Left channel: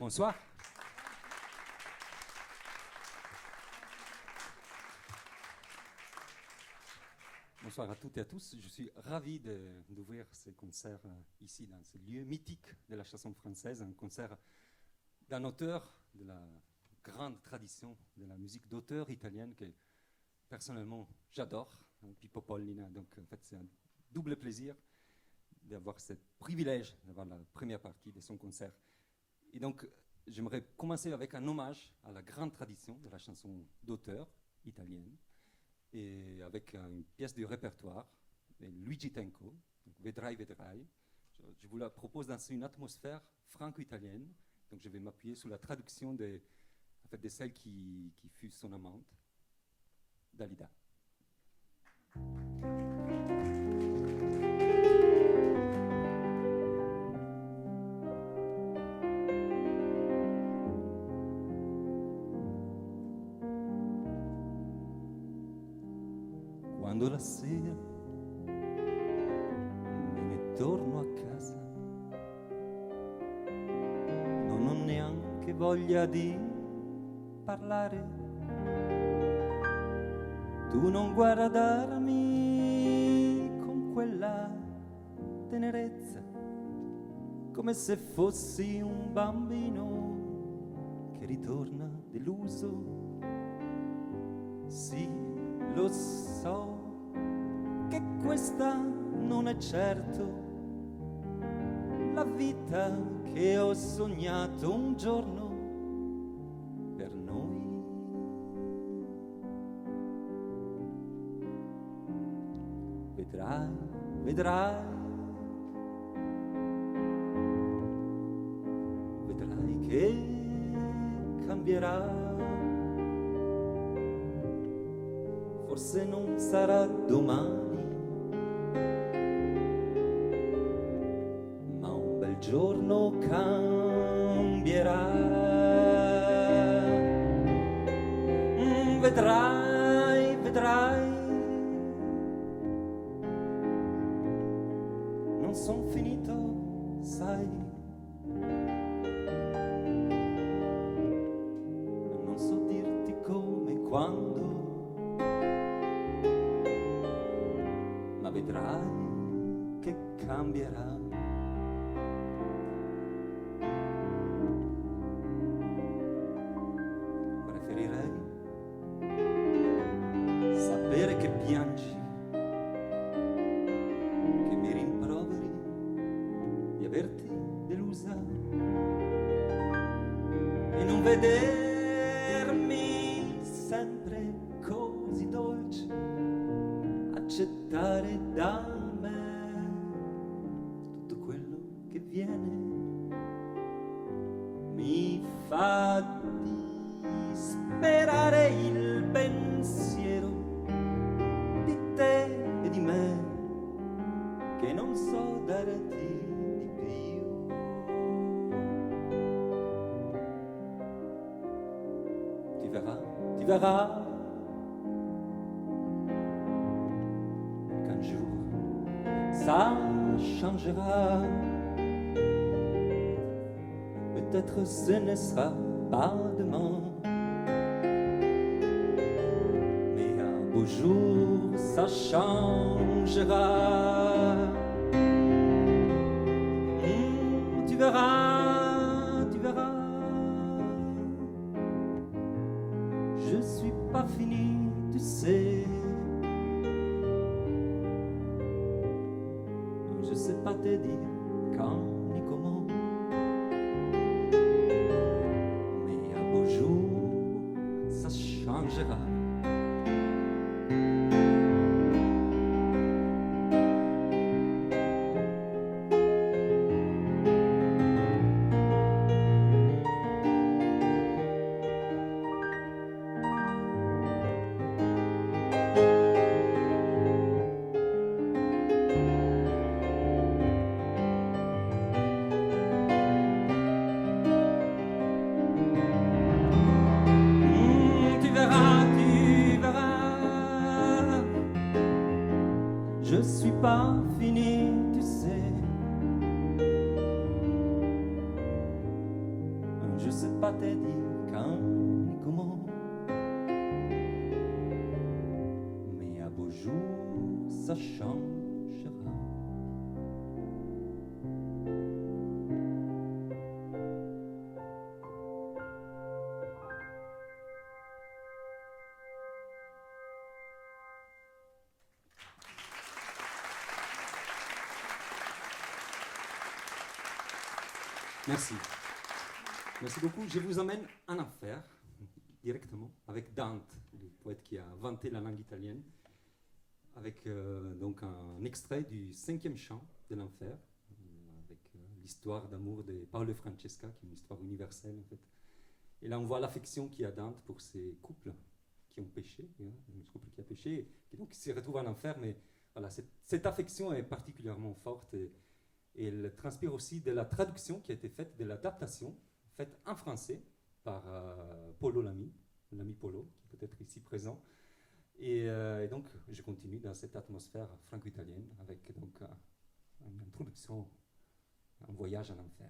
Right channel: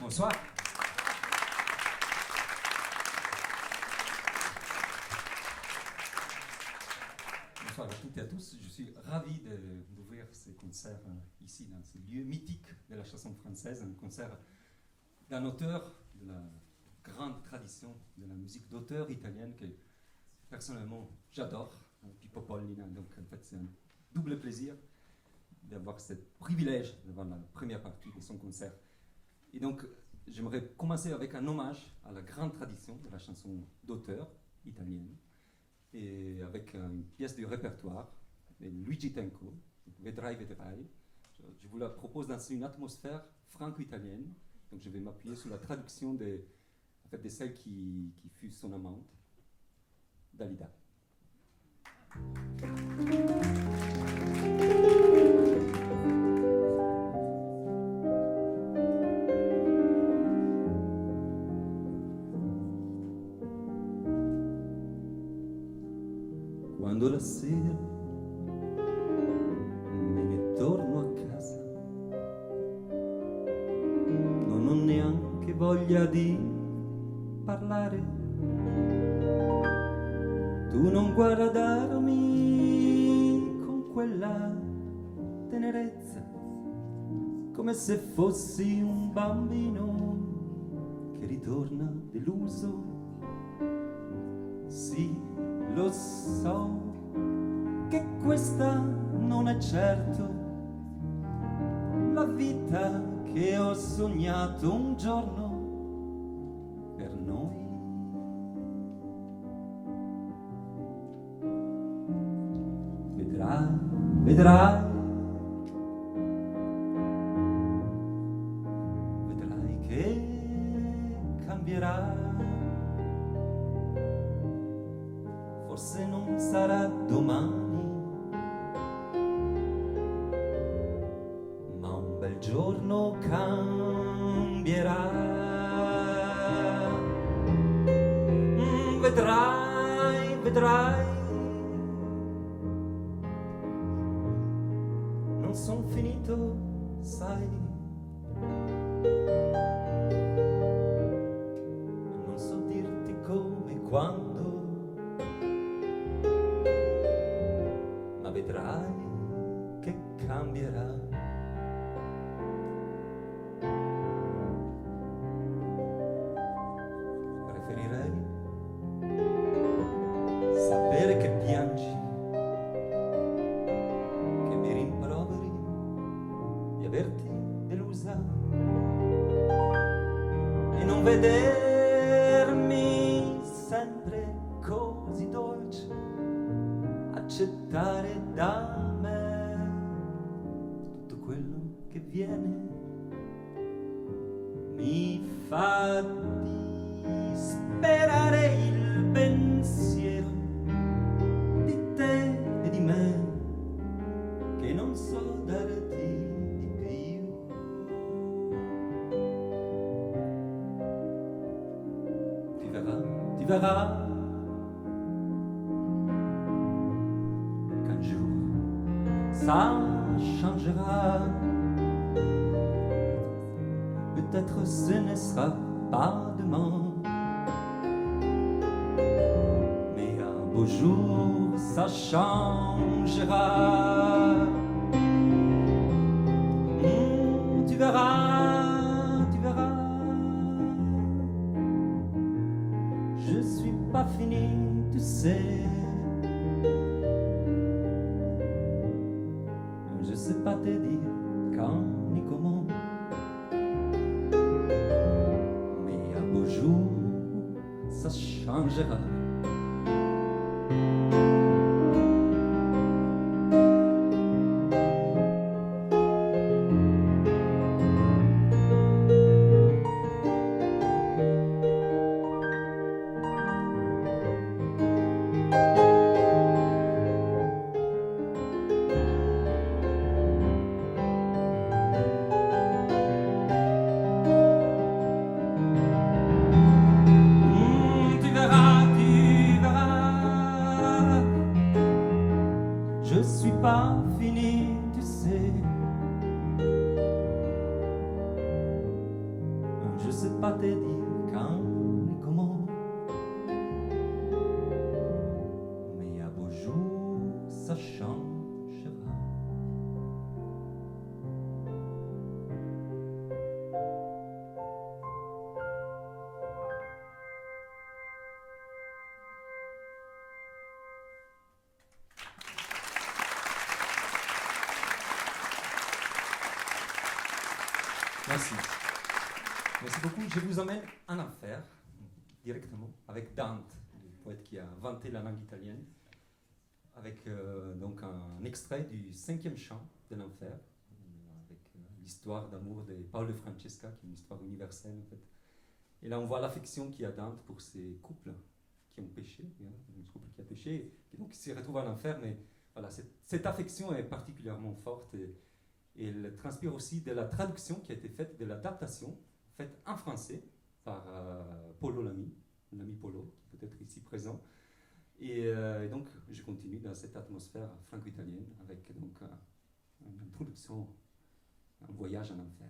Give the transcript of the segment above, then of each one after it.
Bonsoir. Bonsoir à toutes et à tous. Je suis ravi d'ouvrir ce concert ici, dans ce lieu mythique de la chanson française, un concert d'un auteur de la grande tradition de la musique d'auteur italienne que personnellement j'adore, Pippo Pollina. Donc en fait c'est un double plaisir d'avoir ce privilège d'avoir la première partie de son concert. Et donc j'aimerais commencer avec un hommage à la grande tradition de la chanson d'auteur italienne, et avec une pièce du répertoire de Luigi Tenco, Vedrai Vedrai. Je vous la propose dans une atmosphère franco-italienne, donc je vais m'appuyer sur la traduction de celle qui fut son amante, Dalida. Quando la sera me ne torno a casa, non ho neanche voglia di parlare. Tu non guardarmi con quella tenerezza, come se fossi un bambino che ritorna deluso. Sì, lo so che questa non è certo la vita che ho sognato un giorno per noi. Vedrai, vedrai, vedrai che cambierà. Forse non sarà domani, ma un bel giorno cambierà. Vedrai, vedrai, non son finito, sai. Non so dirti come, quando, ma vedrai che cambierà. Preferirei sapere che piangi, che mi rimproveri di averti delusa e non vedermi sempre così dolce, accettare da me tutto quello che viene. Mi fa disperare il pensiero di te e di me, che non so darti di più. Ti verrà ça changera. Peut-être ce ne sera pas demain, mais un beau jour ça changera. Tu verras, tu verras. Je suis pas fini, tu sais. Je sais pas te dire quand ni comment, mais un beau jour ça changera. Tu verras, tu Je sais pas te dire quand ni comment, mais à beau jour ça changera. Merci. Merci beaucoup. Je vous emmène en enfer, directement, avec Dante, le poète qui a inventé la langue italienne, avec donc un extrait du 5e chant de l'enfer, avec l'histoire d'amour de Paolo et Francesca, qui est une histoire universelle en fait. Et là, on voit l'affection qu'il y a Dante pour ces couples qui ont péché, un couple qui a péché, et donc qui se retrouve en enfer, mais voilà, cette affection est particulièrement forte. Et elle transpire aussi de la traduction qui a été faite, de l'adaptation faite en français par Polo Lamy, l'ami Polo, qui peut être ici présent. Et donc, je continue dans cette atmosphère franco-italienne avec donc une introduction, un voyage en enfer.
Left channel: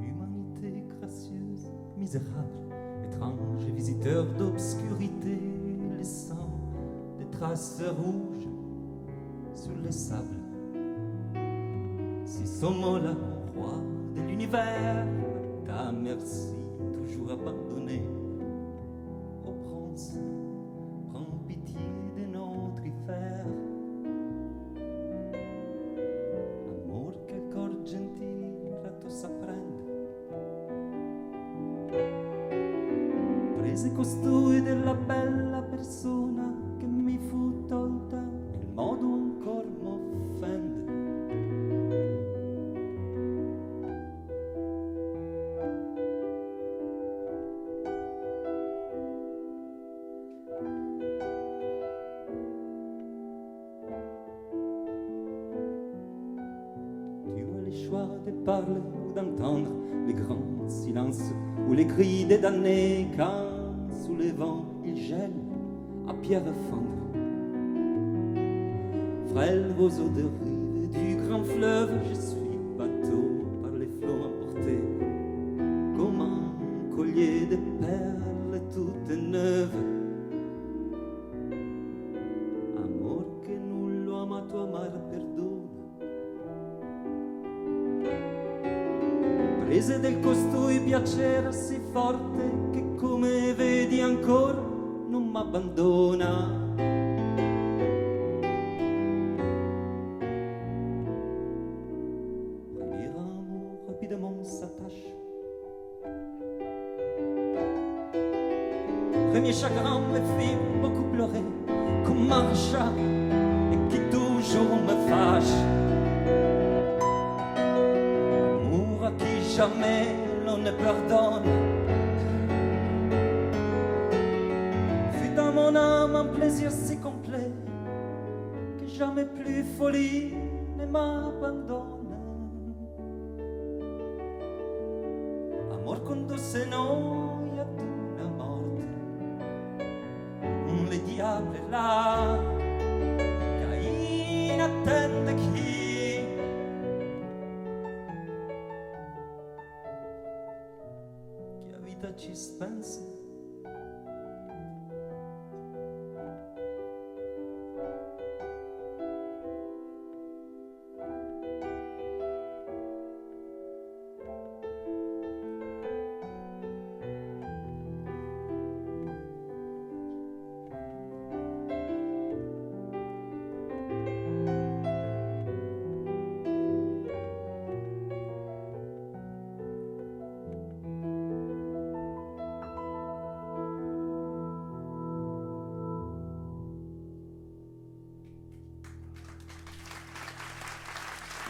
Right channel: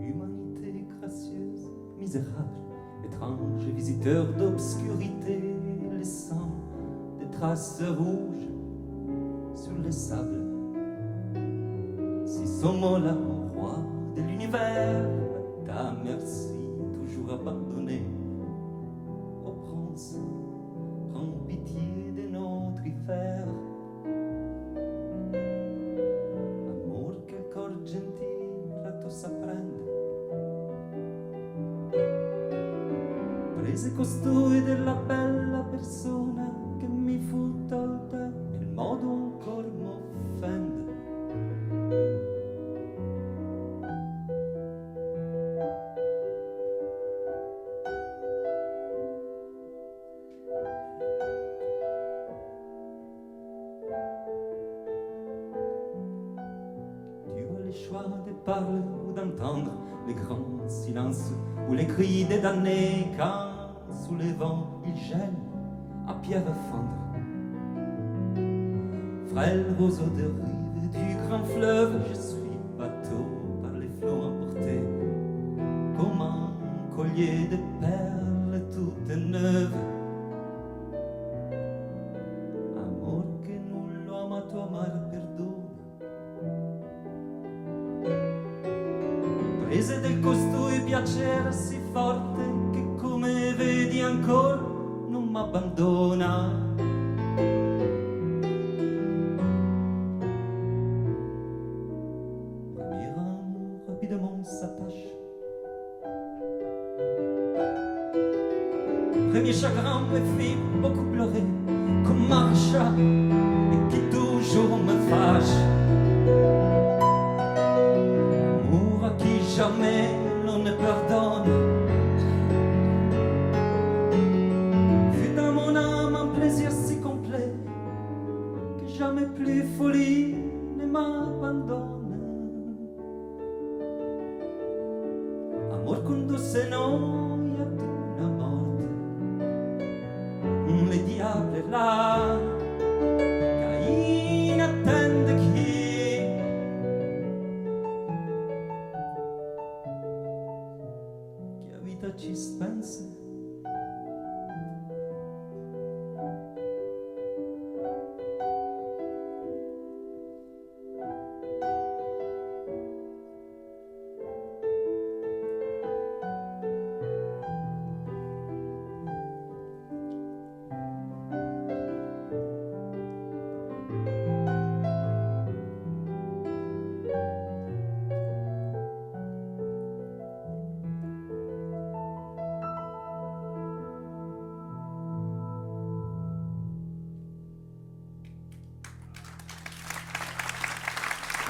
Humanité gracieuse, misérable, étrange visiteur d'obscurité, laissant des traces rouges sur les sables. Si sommes là au roi de l'univers, à ta merci, toujours abandonné. Ô prince, prends pitié de notre hiver. Amor che il cor gentile a tu s'apprende. Prese costui della bella persona che mi fu tolta, il modo ancor m'offende. Tu as le choix de parler ou d'entendre les grands silences ou les cris des damnés quand sous les vents il gèle à pierre fendre. Frêle roseau de rive du grand fleuve, je suis bateau par les flots emportés, comme un collier de perles toutes neuves. Amor che nullo amato amar perdona. Prese del costui piacere sì forte che come vedi ancora non m'abbandona. Premier amour rapidement s'attache. Premier chagrin me fit beaucoup pleurer comme un chat et qui toujours me fâche. Amour à qui jamais l'on ne pardonne. Fut dans mon âme un plaisir si complet que jamais plus folie ne m'abandonne. Amor condusse noi ad una morte. Le diable là, Cain attende chi? Che a vita ci spense.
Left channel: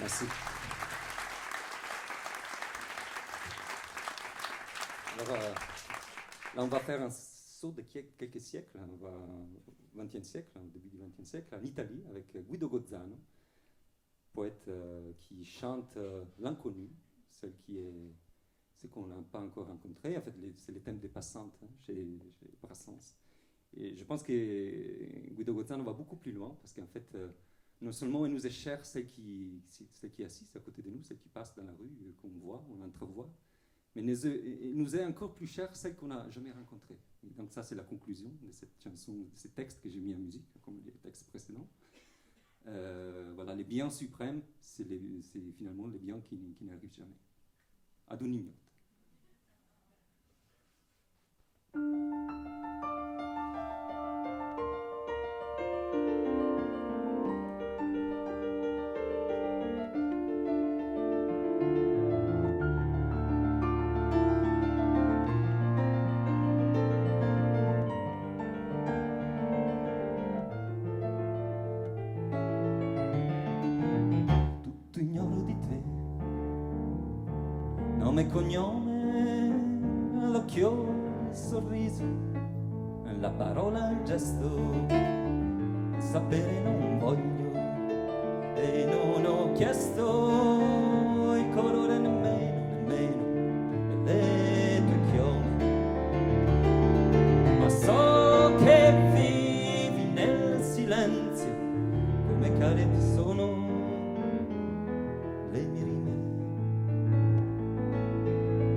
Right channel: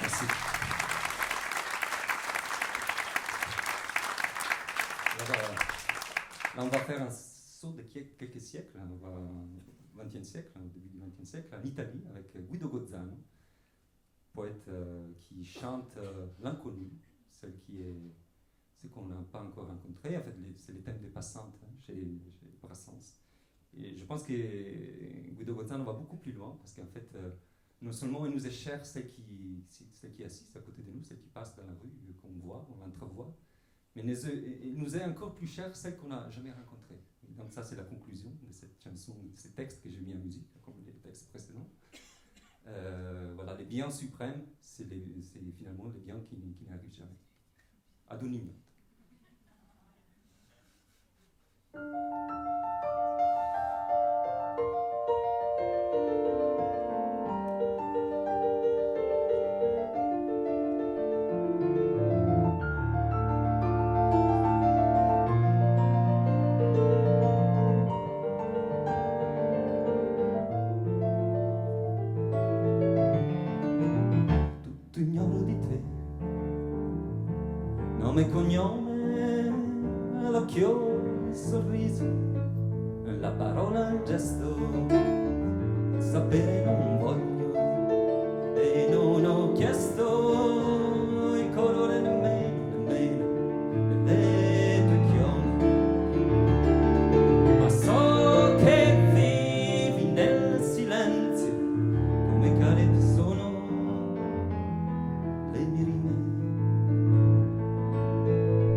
Merci. Alors, Là, on va faire un saut de quelques siècles, on va au XXe siècle, au début du XXe siècle, en Italie, avec Guido Gozzano, poète qui chante l'inconnu, ce qu'on n'a pas encore rencontré. En fait, c'est les thèmes des passantes chez Brassens. Et je pense que Guido Gozzano va beaucoup plus loin, parce qu'en fait, non seulement il nous est cher celle qui est assise à côté de nous, celle qui passe dans la rue, qu'on voit, on l'entrevoit, mais il nous est encore plus cher celle qu'on n'a jamais rencontrée. Et donc ça, c'est la conclusion de cette chanson, de ces textes que j'ai mis en musique, comme les textes précédents. Voilà, les biens suprêmes, c'est finalement les biens qui n'arrivent jamais. Ad unignoto. Tutto ignoro di te, nome e cognome, l'occhio, il sorriso, la parola, il gesto, sapere non voglio e non ho chiesto il colore nemmeno delle tue chiome, ma so che vivi nel silenzio come carezze sono le mie rime.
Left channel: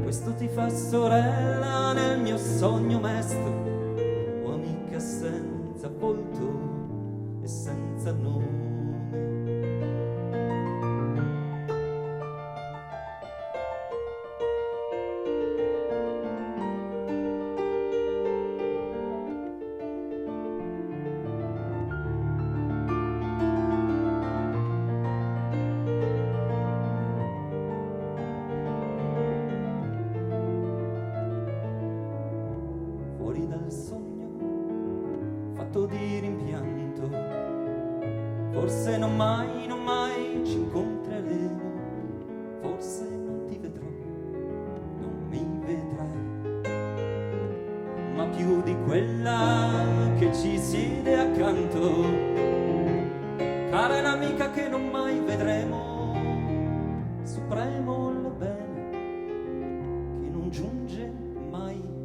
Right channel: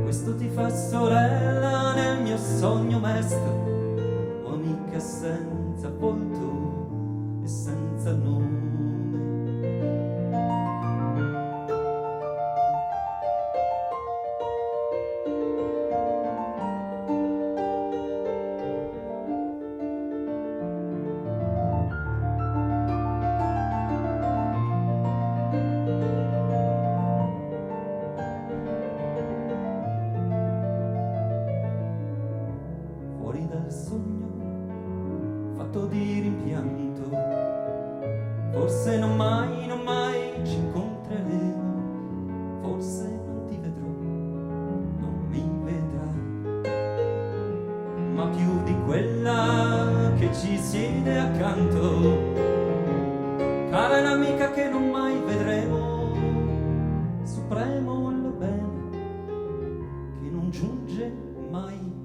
Questo ti fa sorella nel mio sogno mesto, o amica senza volto e senza nome. Fuori dal sogno fatto di rimpianto, forse non mai ci incontreremo, forse non ti vedrò, non mi vedrai, ma più di quella che ci siede accanto, cara è l'amica che non mai vedremo, supremo il bene che non giunge mai.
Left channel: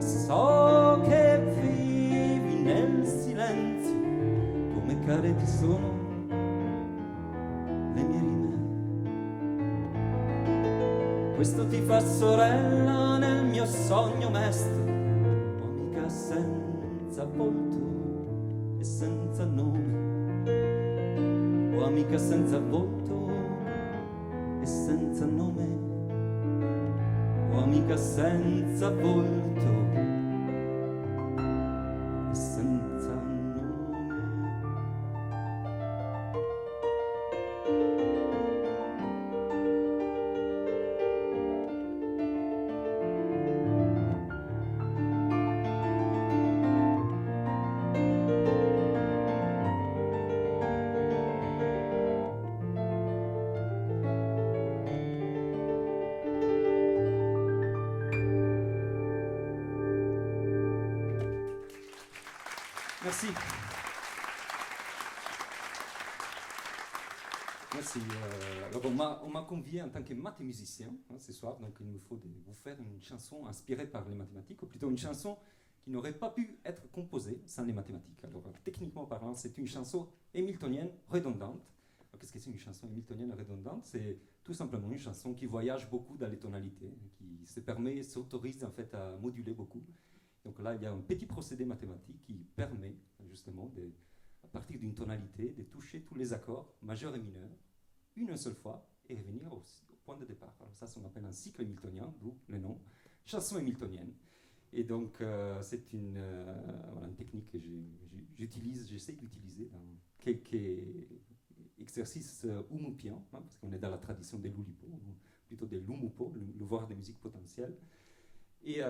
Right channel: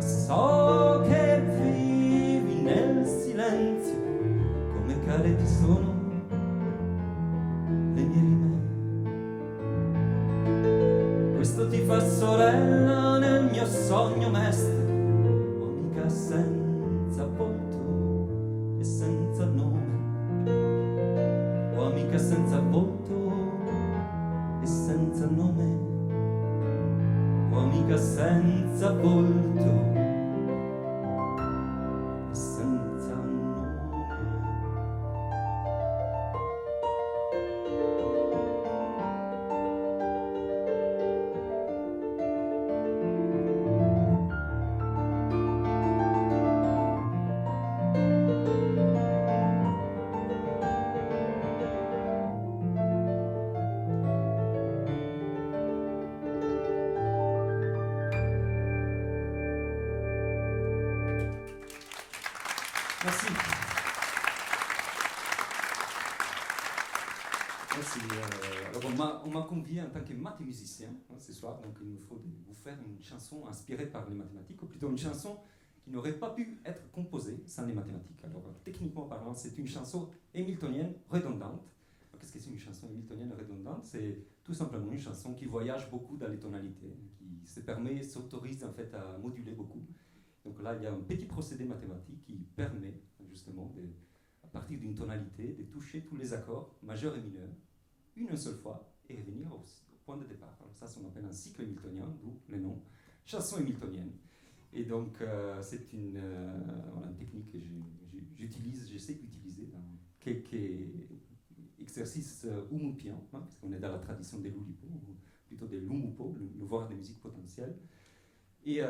So che vivi nel silenzio, come care ti sono le mie rime. Questo ti fa sorella nel mio sogno mesto, o amica senza volto e senza nome, o amica senza volto e senza nome, o amica senza volto e senza nome. Merci. Merci. Alors on m'a convié en tant que mathématicien ce soir, donc il me faut vous faire une chanson inspirée par les mathématiques, ou plutôt une chanson qui n'aurait pas pu être composée sans les mathématiques. Alors techniquement parlant, c'est une chanson hamiltonienne redondante. Qu'est-ce que c'est une chanson hamiltonienne redondante? C'est tout simplement une chanson qui voyage beaucoup dans les tonalités, qui s'autorise en fait à moduler beaucoup. Donc là, il y a un petit procédé mathématique qui permet justement, à partir d'une tonalité, de toucher tous les accords majeurs et mineurs une seule fois et revenir au point de départ. Alors ça, on appelle un cycle hamiltonien, d'où le nom chanson hamiltonienne. Et donc, c'est une technique que j'essaie d'utiliser dans quelques exercices oumopiens, parce qu'on est dans la tradition des Loulipo, ou plutôt des Lumupo, le voir des musiques potentielles. Et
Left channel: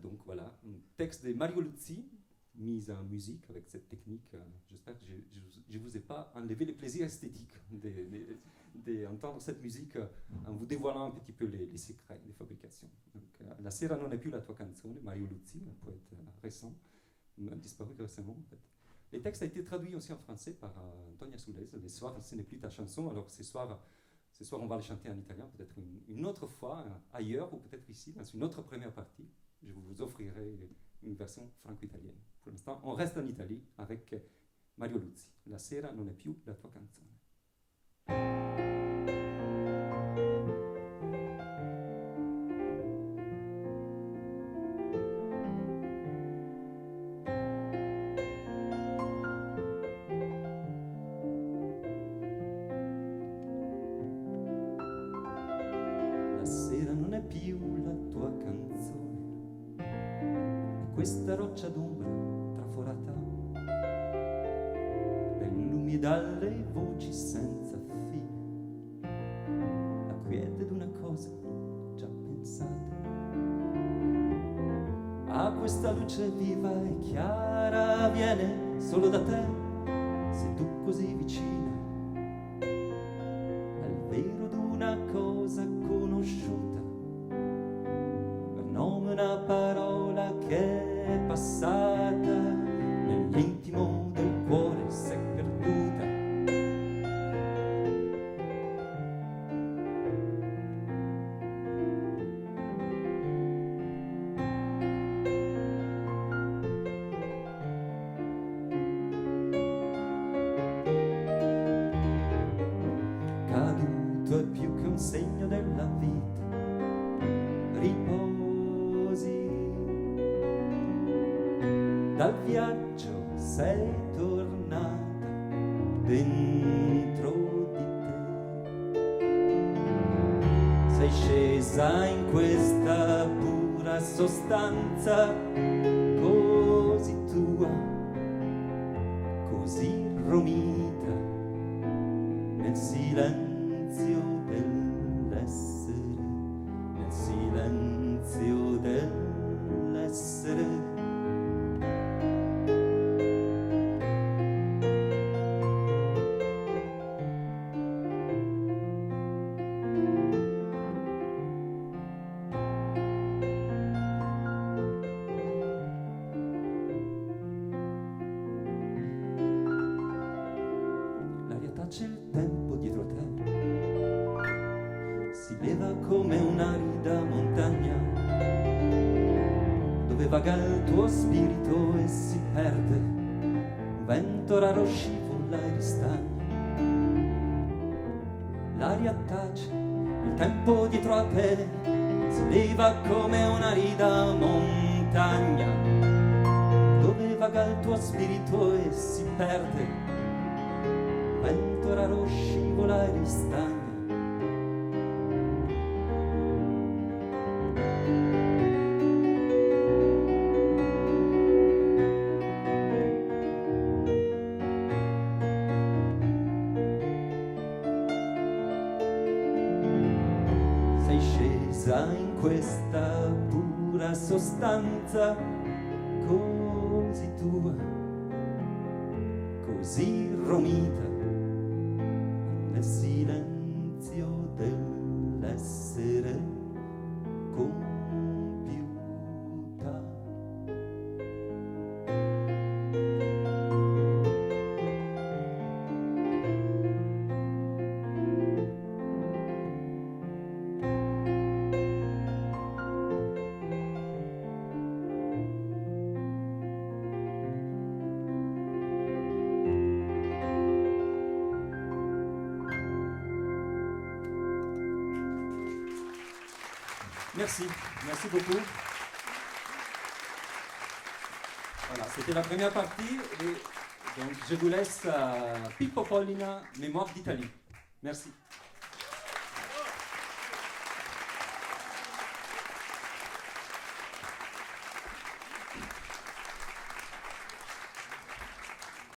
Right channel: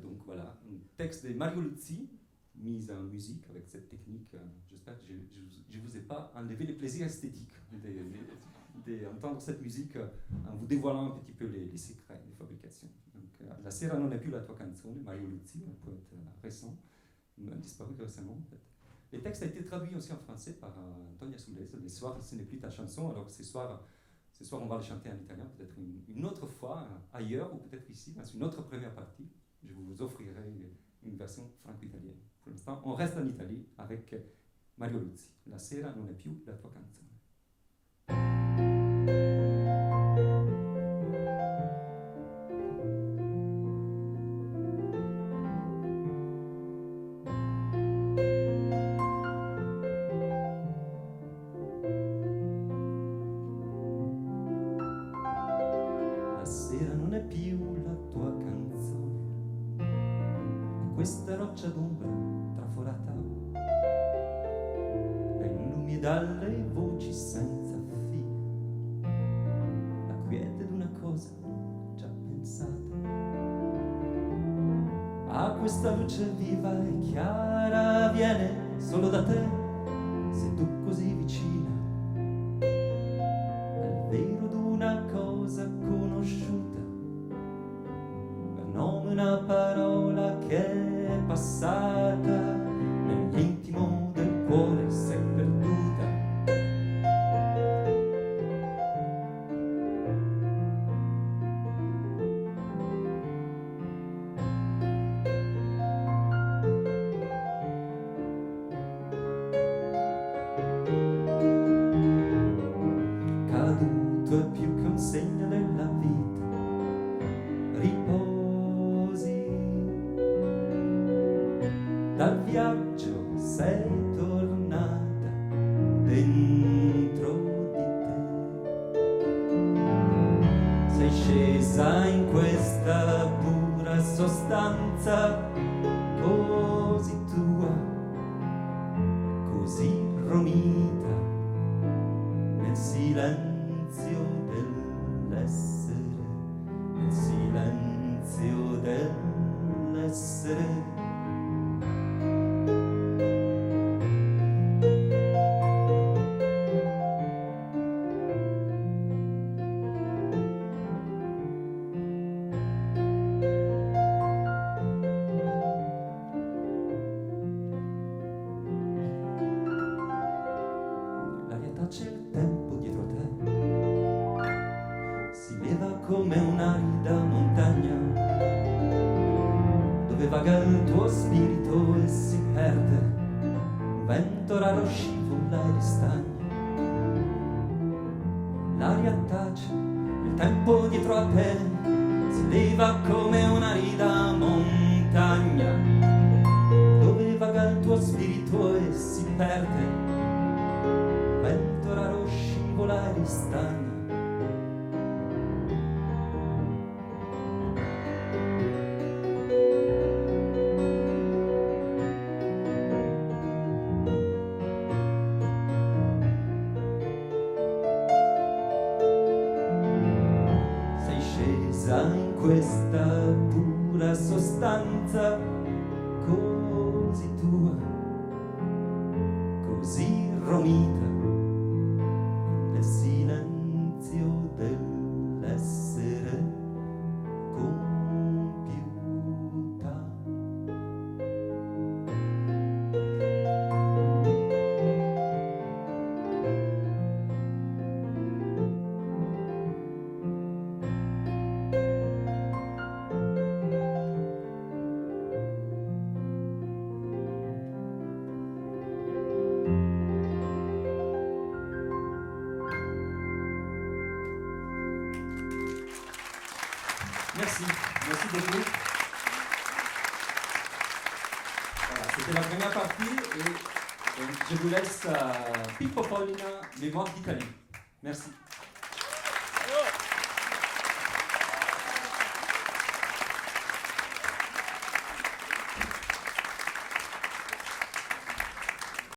donc voilà, un texte de Mario Luzzi, mise en musique avec cette technique. J'espère que je ne vous ai pas enlevé le plaisir esthétique d'entendre cette musique en vous dévoilant un petit peu les secrets de fabrication. Donc, La sera non è più la tua canzone, Mario Luzzi, un poète récent, disparu récemment en fait. Le texte a été traduit aussi en français par Antonia Soulez. Les soirs, ce n'est plus ta chanson, alors que ce soir, on va le chanter en italien, peut-être une autre fois, ailleurs, ou peut-être ici, dans une autre première partie. Je vous offrirai une version franco-italienne. Pour l'instant, on reste en Italie avec Mario Luzzi. La sera non è più la tua canzone. La sera non è più la tua canzone, e questa roccia d'ombra traforata dai lumi e dalle voci senza fine, la quiete d'una cosa già pensata. A questa luce viva e chiara viene solo da te, sei tu così vicina al vero d'una cosa conosciuta, per nome una parola che è passata nell'intimo del cuore, s'è perduta. Caduto è più che un segno della vita, riposi dal viaggio, sei tornata dentro di te, sei scesa in questa pura sostanza così tua, così romita nel silenzio dell'essere, nel silenzio dell'essere. C'è il tempo dietro a te, si leva come un'arida montagna, dove vaga il tuo spirito e si perde, un vento raro scivola e ristagna. L'aria tace, il tempo dietro a te, si leva come un'arida montagna, dove vaga il tuo spirito e si perde, vento raro scivola e ristagna. Sei scesa in questa pura sostanza così tua, così romita nel silenzio dell'essere compiuta. Merci, merci beaucoup. Voilà, c'était la première partie et donc je vous laisse Pippo Pollina, Mémoire d'Italie. Merci.